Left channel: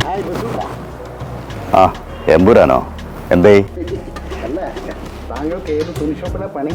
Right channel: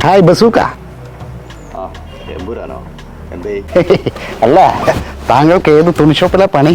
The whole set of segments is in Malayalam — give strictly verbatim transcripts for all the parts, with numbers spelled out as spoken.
Hi bazooka. ആ എമ്പുരാനോ? എന്തേ? അല്ല, താങ്കൾക്ക് ഏത് തുണിഷോപ്പിലാ പണി?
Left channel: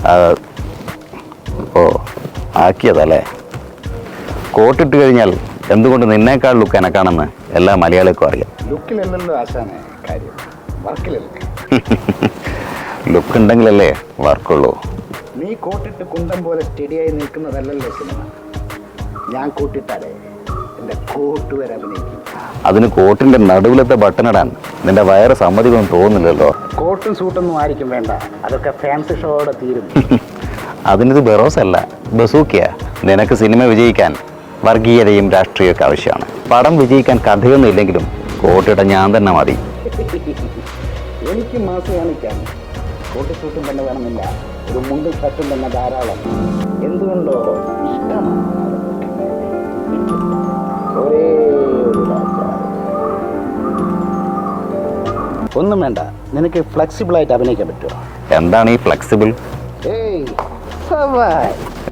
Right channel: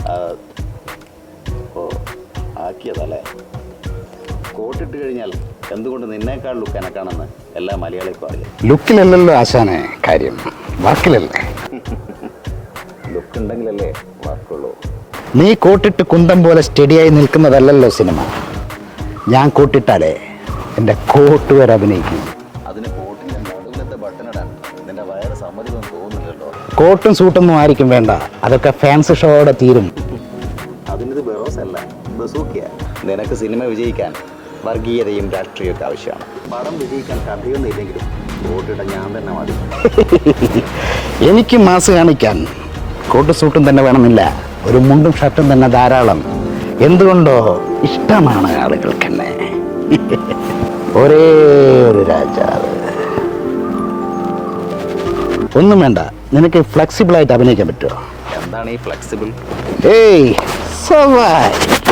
ഓ ആക്കിയതല്ലേ. കോട്ടിട്ട് കഴിഞ്ഞാൽ എന്തുകൊണ്ട് നിന്നേക്കാൾ ലുക്ക് എനക്കാണെന്ന് എല്ലാ മലയാളികൾക്കും അറിയാം. ലുക്കിലല്ലല്ലോ ആശാനെ കാര്യം, വർക്കിലല്ലേ. ലുക്ക് ഉണ്ടെങ്കിലല്ലേ വർക്കുള്ളൂ. നീ കോട്ടിട്ട് കുന്തം പോലെ സ്റ്റഡിയായി നിൽക്കുന്നതല്ലല്ലോ സിനിമ. ഞാൻ കോട്ടിട്ടാലേ എൻ്റെ കോട്ട് വരെ അഭിനയിക്കും. അതിന് കോട്ടിന്റെ നടുവിലത്തെ ബട്ടണിടാൻ നിന്റെ വയറ് സമ്മതിക്കൊന്നും തോന്നുന്നില്ലല്ലോ. കോട്ടും സൂട്ടൊന്നും ആയിരിക്കും വേണ്ട, അതൊക്കെ ഫാൻസി ഷോയോടെ തീരും. അതിനിത് ബെറോസ് അല്ല, ബസൂക്കിയ. നിനക്ക് സിനിമ വിജയിക്കാൻ വർഗീയതയും രാഷ്ട്രീയമൊക്കെ ആവശ്യമാണ്. പടം വിജയിക്കാൻ കഥയൊന്നും ഇല്ലെങ്കിലും കോട്ടിട്ട ഞാൻ തന്നെ മതി. എനിക്ക് മാസ് കാണിക്കാൻ കോട്ട് സൂട്ടും തന്നെ വേണമെന്നില്ല, ഒരു മുണ്ടും ഷർട്ടും തന്നെ ധാരാളം. എന്തുകൊണ്ടോ ഇഷ്ടമാണ് ആളുകൾക്ക് എന്നെ. ഒരേ ഒരു രാജാവ്. ഒന്നും വേണ്ട, നിനക്ക് ഫ്ലെക്സിബിൾ ആയിട്ട് അഭിനയിക്കാൻ പറ്റുമോ? എന്താണ് ഈ ഫ്ലെക്സിബിൾ? ഏയ് സവായ്.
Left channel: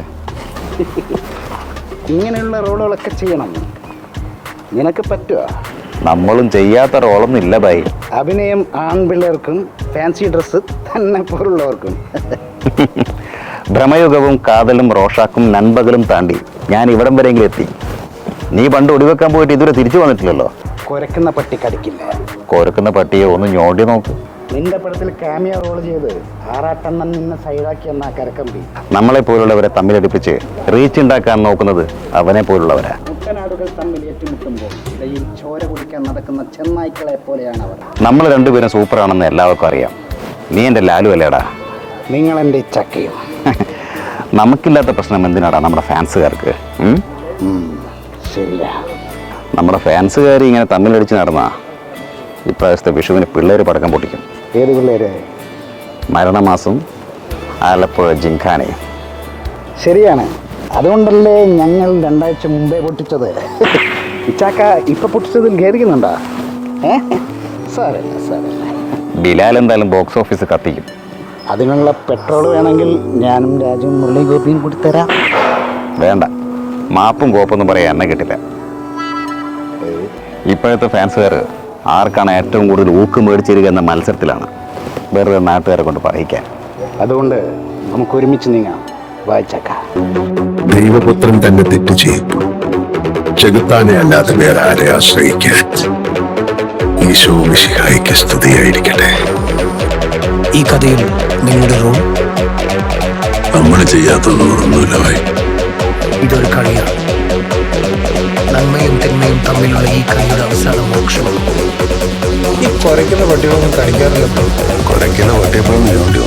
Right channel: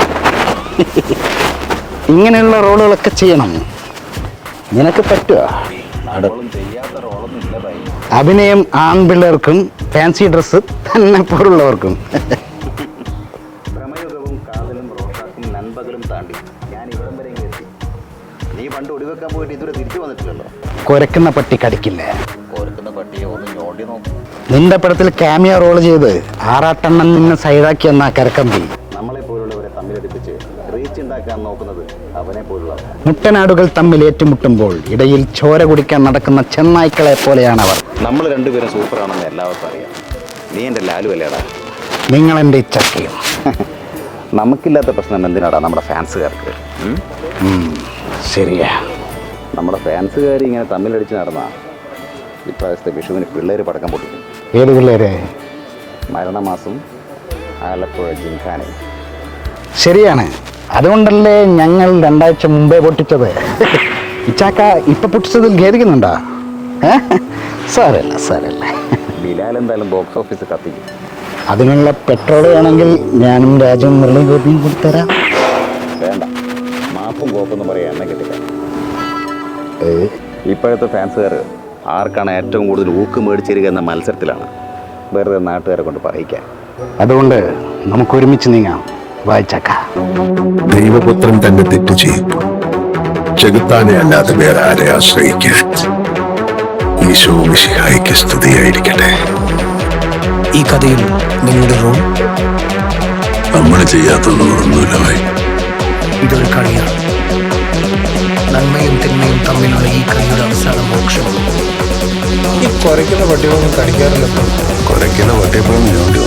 ഇങ്ങനെയുള്ള റോളുകളൊക്കെ ചെയ്യണം. നിനക്ക് പറ്റുമോ? നമ്മളും ചെയ്യാത്ത റോളൊന്നും ഇല്ല ബായി. അഭിനയം ആൺപിള്ളേർക്കും ഫാൻസി ഡ്രസ്സ് തന്നെ പോലുള്ളവർക്കും. ഭ്രമയുഗവും കാതലും റോഷാക്കും നൻപകലും താണ്ടി ഞാൻ ഇവിടം വരെയെങ്കിലും എത്തി. നീ പണ്ട് ഒടിവെക്കാൻ പോയിട്ട് ഇതുവരെ തിരിച്ചു വന്നിട്ടില്ലല്ലോ. കുരക്കുന്ന പട്ടി കടിക്കില്ല. കൊരക്കുന്ന പട്ടിയെ ഒന്ന് ഞോണ്ടി നോക്കൂ. നിന്റെ പടത്തിൽ ക്യാമിയ റോൾ ചെയ്ത് ആറാട്ടെണ്ണം നിന്നെ സൈഡാക്കി എന്നാ കരക്കമ്പി. നമ്മളെ പോലുള്ളവരെ തമ്മിലടിപ്പിച്ച് റീച്ച് ഉണ്ടാക്കാൻ നോക്കുന്നത് അവനെ പോലുള്ളവരാ. മുട്ടനാടുകൾ തമ്മിൽ ഏറ്റുമുട്ടുമ്പോൾ ഇടയിൽ ചോര കുടിക്കാൻ നടക്കുന്ന ചെന്നായ്ക്കളെ പോലെയാണ് അവർ. നമ്മൾ രണ്ടുപേരും സൂപ്പറാണെന്ന് എല്ലാവർക്കും അറിയാം. നീ എൻ്റെ ലാലു അല്ലേടാ. നിങ്ങൾ എൻ്റെ ചക്കിയും. നമുക്കില്ലാത്ത പ്രശ്നം എന്തിനാടാ നമ്മുടെ ഫാൻസുകാർക്ക്? ശരിയാ, നമ്മുടെ ഫാൻസുകാർ ഇങ്ങനെ തമ്മിലടിച്ച് നടന്നാ ഇപ്രാവശ്യത്തെ വിഷുവിന് പിള്ളേർ പടക്കം പൊട്ടിക്കും. ഏത് പിള്ളേരെ? മരണമാസം, ആലപ്പുഴ ജിംഖാനെ. ശരിയാണ്, അതുകൊണ്ടല്ലേ ഞങ്ങൾ രണ്ടാഴ്ച മുമ്പേ പൊട്ടിച്ചത്. ഇച്ചാക്ക ഇപ്പൊ പൊട്ടിച്ചതിൽ ഖേദിക്കുന്നുണ്ടോ? സാരല്ല സാരല്ല. ബിലാൽ എന്തായാലും ബോക്സ് ഓഫീസ് കത്തിക്കും. അതിനുള്ള പെട്രോൾ വേണമെങ്കിൽ ഞാനും രാജുവും മുരളി ഗോപിയും കൊടുത്തരാം. വേണ്ട, മാപ്പും കോപ്പൊന്നും പറയാൻ എന്നെ കിട്ടില്ല. ഇപ്പോഴത്തെ ഫാൻസുകാർ ആർക്കാണ് ഏറ്റവും കൂടുതൽ ഊക്ക് മേടിച്ചിരിക്കുക എന്ന മത്സരത്തിലാണ്, വെറുതെ നാട്ടുകാരെ കൊണ്ട് പറയിക്കാൻ. അതുകൊണ്ട് നമുക്ക് ഒരുമിച്ച് നീങ്ങാം. വായിച്ചക്ക. ദൈവപുത്രൻ തന്നെ തെറ്റ് ചെയ്തു. ചെകുത്താനെ അല്ലാതെ വേറെ ആരെ ആശ്രയിക്കാൻ. ഈശോ മിശിഹായിക്ക് സ്തുതിയായിരിക്കട്ടെ. ഈ കഥയിൽ നിങ്ങളുടെ റോൾ? നമ്മൾ ചെയ്യാത്തൊന്നുമില്ല. ഇതൊരു കളിയാണ്. നന്മയും തിന്മയും തമ്മിലുള്ള ഈ കളിയുടെ അവസാന മോക്ഷം. ഈ കുറയ്ക്കുന്ന പട്ടികളൊന്നും കടിക്കാറില്ലല്ലോ. കുറയ്ക്കുന്ന പട്ടിയപ്പോഴും വേണ്ടി